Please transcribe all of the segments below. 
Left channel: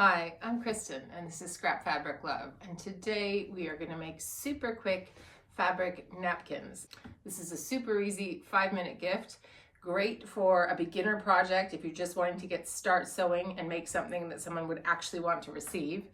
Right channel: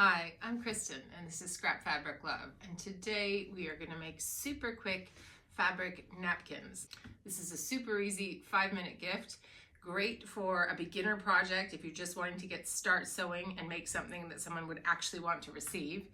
Hi, I'm Kristen and this is Scrap Fabric Love, and today we are going to make super quick fabric napkins. This is a super easy 5-minute gift, great for a beginner project if you're just wanting to start sewing and make something that someone would actually want to receive.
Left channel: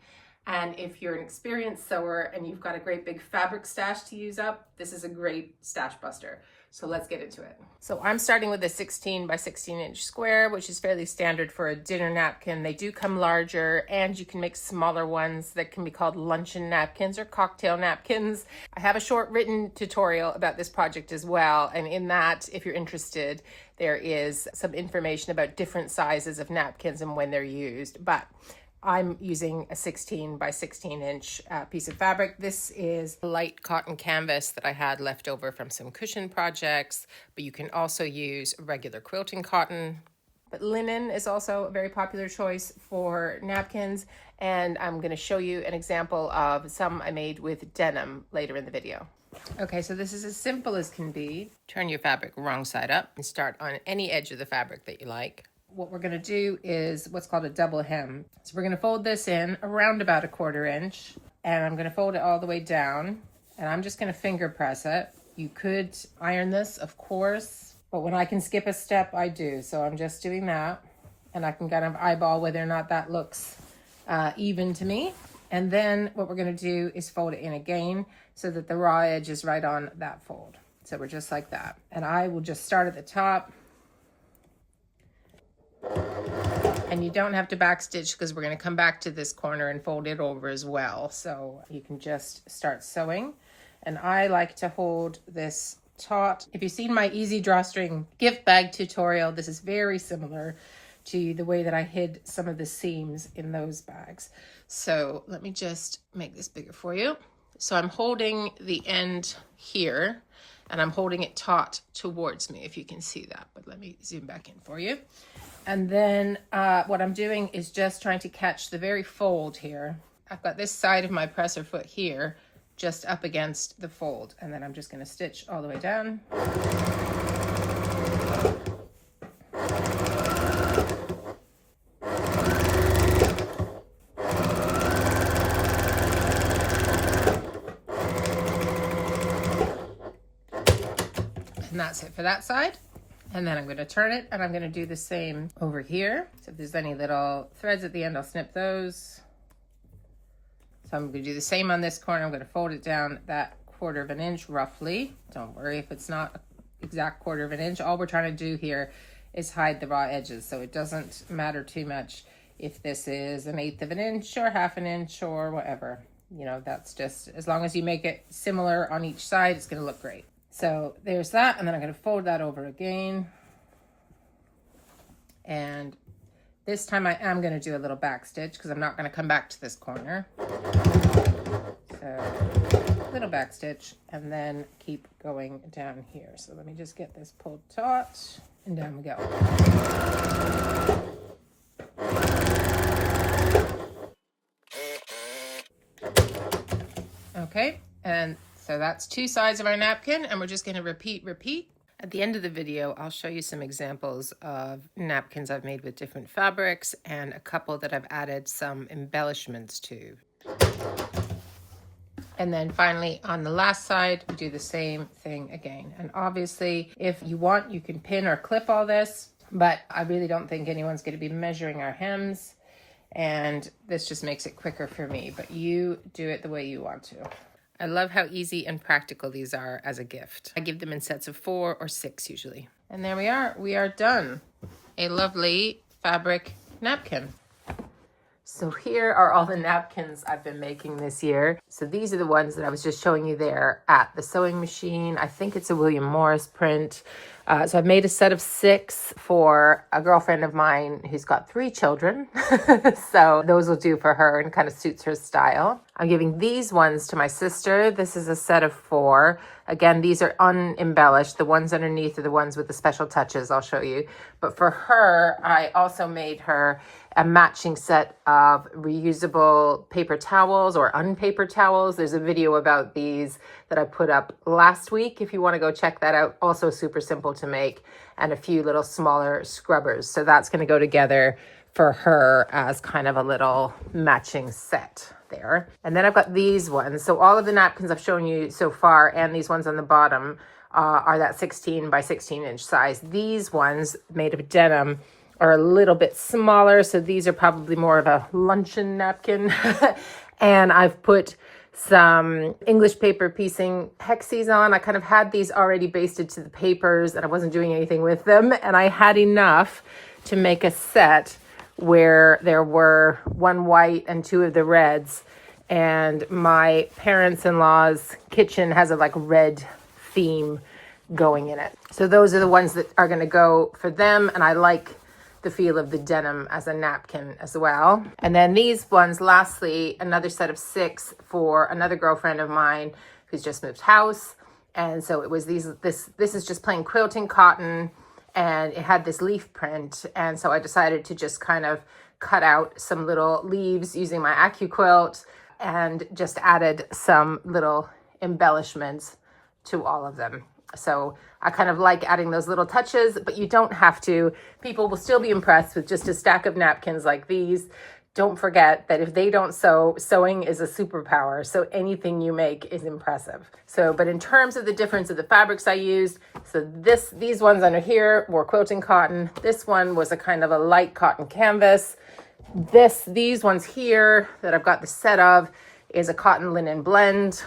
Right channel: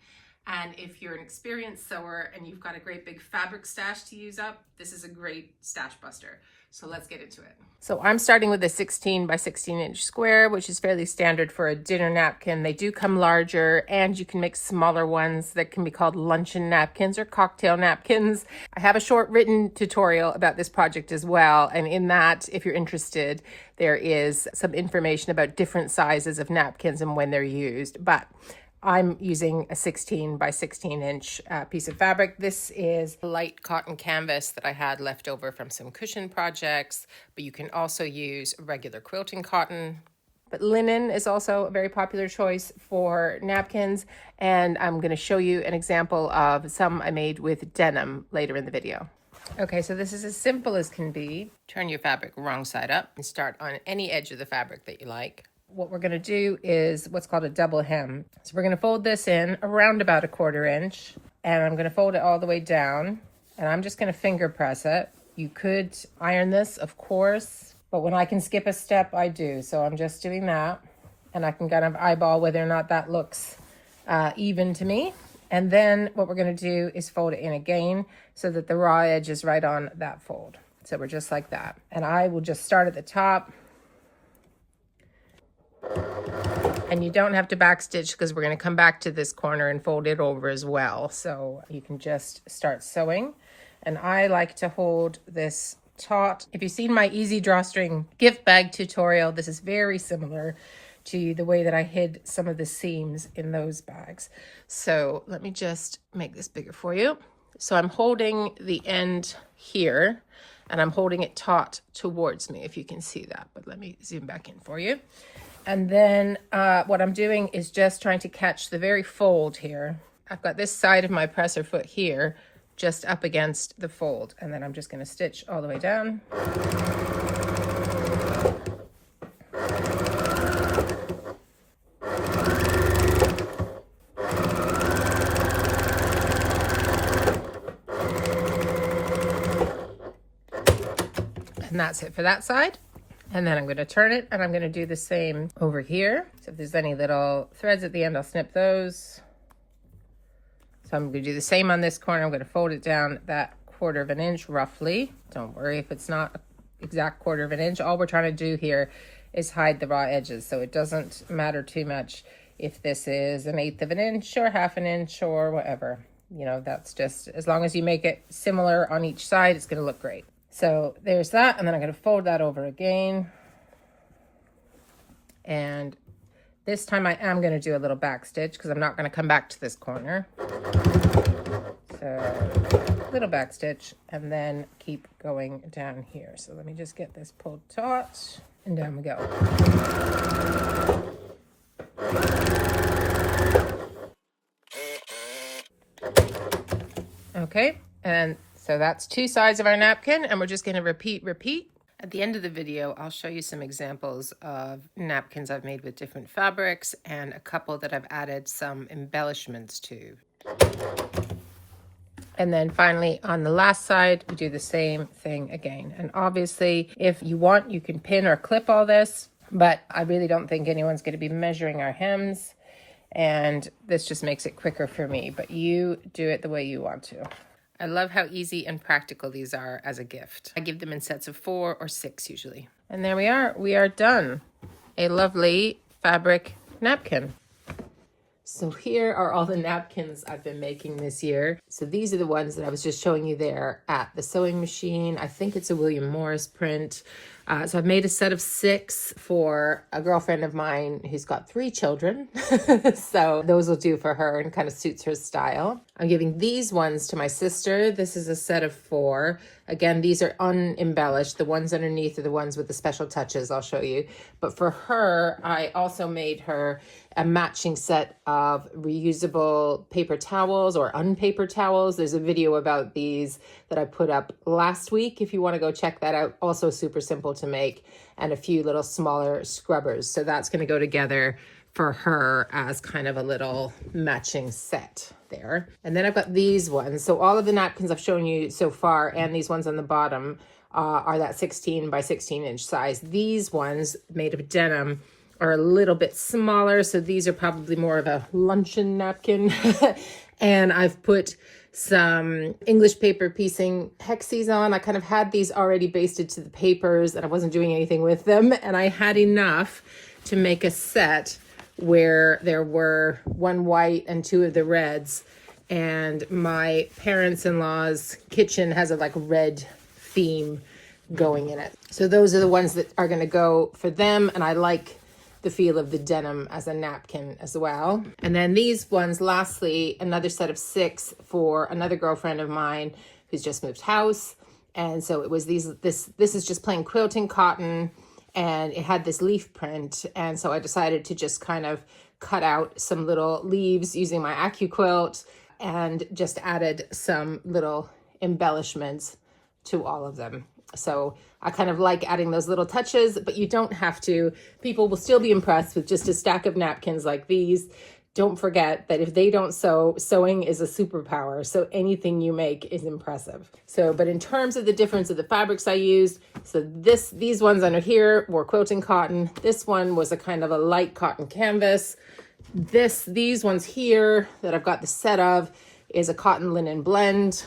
And if you're an experienced sewer and you've got a great big fabric stash to use up, this is a great stash buster. So let's get into it. So I'm starting with a 16 by 16 inch square, which is fairly standard for a dinner napkin. They do come larger, and you can make smaller ones that can be called luncheon napkins or cocktail napkins. I have a short written tutorial about this project as well. And in that, if you're interested, there is some information about different sizes of napkins and when they're used. But I'm using a 16 by 16 inch piece of fabric. This is light cotton canvas that I had left over from some cushion projects, but you can also use regular quilting cotton. But linen is also a very popular choice for napkins, and I'm going to show you an example of some I made with denim later in the video. Okay, so this is as simple as can be. Turn your fabric wrong side up and start on any edge of the fabric that you like. What we're going to do is what's called a double hem. So we're going to fold this in around about a 1/4 inch, and I'm going to fold it all the way down, and I'm just going to finger press it. You could iron this, of course, but when I can skip a step, I do. So I'm just doing that, and I can kind of eyeball whether or not that looks even to me. And then what we're going to do is fold it in again so that the raw edge is right on that fold. So we're just like that. And I will just start at the top. And you don't have to backstitch because we're going to come back to this corner and fold it over as well. So you can just start sewing. And I like to hold this taut. If you've seen my easy drawstring gift bag tutorial, this is very similar to the way that I hid some of the seams in those bags. So let me just make this bigger for you. So I'm holding the end here, and I'm holding it taut towards me, if you can see that. But let me zoom back in for you. And then what I'm doing is just trying to catch the very fold here. I've got this side of my presser foot here just up against the fold, and then I'm just going to stitch all the way down. And that's it for that side. And then I'm going to turn it, and I'm going to do the same over here. So if there's any little threads at the end, I'll snip those. So I'm going to do the same on this corner. I'm going to fold it down that 1/4 inch roughly. Don't worry if it's not exact 1/4 inch. All we're trying to do here is hide the raw edges. So it doesn't matter too much if this is 1/8 inch or 1/2 inch or whatever. You know, that's just, as long as you make it similar on each side, it's going to look great. So there's that, and then I'm going to fold that over again. And this time I am going to do a little back stitch because I'm not going to come back to this corner. So little back stitch, and then keep going down here. So let me just get this pulled taut, and down we go. Okay, and so that's 2 sides of our napkin, and we're just going to repeat. At the end of the video, I'll show you some examples of napkins I've made with different fabrics and a couple that I've added some embellishments to. And then finally on the last side, we do the same thing again. And obviously, if you want, you can pin or clip all this, but I really don't think anyone's going to be measuring our hems, and this just makes it quicker for me, but you do it the way you want to. I love how easy and practical these are as a gift. I give them in sets of 4 or 6 usually. And there we are done. A lovely fabric napkin. So here are all the napkins I've been making this year. So these are the ones that I was just showing you there at the sewing machine. I think it's a William Morris print. So I've made a set of 6 for a girlfriend of mine who's got 3 children. So those will do for her and kind of suits her style. I'm giving these ones to my sister. This is a set of 4. Again, these are unembellished. The ones underneath are the ones with the special touches I'll show you. But for her, I also made her a matching set of reusable paper towels or unpaper towels. There's a video about these that I put up last week if you want to go check that out. Also super simple to make, and a few little smaller scrubbers. So that's going to go together for her as kind of a little matching set there. And then I've got these ones. So all of the napkins I've shown you so far and these ones on the bottom are that 16 by 16 inch size. These ones made of denim are a little bit smaller. So these are probably more of a luncheon napkin. And I've put some English paper piecing hexes on. I kind of had these already basted to the papers and I wasn't doing anything with them. And I had enough to make a set where there were one white and two of the reds. And my parents-in-law's kitchen has a like red theme going in it. So those are the ones that are gonna go for them. And I like the feel of the denim as a napkin as well. And then these ones, lastly, another set of 6 for another girlfriend of mine who's just moved house. And so it was this is just plain quilting cotton, and it had this leaf print. And so I decided to just kind of cut out some little leaves using my AccuQuilt and just added some little embellishments to all of them. So I kind of like adding those little touches, but you don't have to. People will still be impressed with just a stack of napkins like these. Don't forget that if they don't sew, sewing is a superpower. So anything you make is impressive. So, but in terms of the difference of the fabrics I used, so these ones under here were quilting cotton. This one was a kind of a light cotton canvas. These ones here that I've got the set of is a cotton linen blend.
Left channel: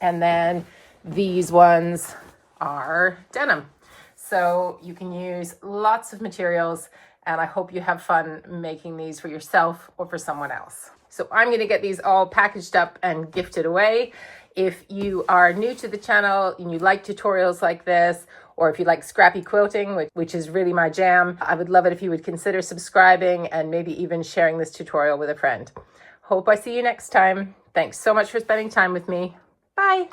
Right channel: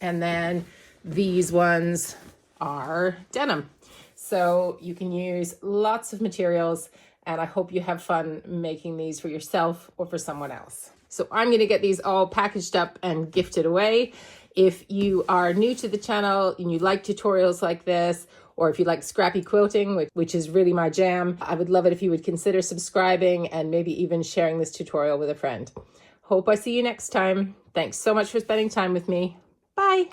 And then these ones are denim. So you can use lots of materials, and I hope you have fun making these for yourself or for someone else. So I'm going to get these all packaged up and gifted away. If you are new to the channel and you like tutorials like this, or if you like scrappy quilting, which is really my jam, I would love it if you would consider subscribing and maybe even sharing this tutorial with a friend. Hope I see you next time. Thanks so much for spending time with me. Bye.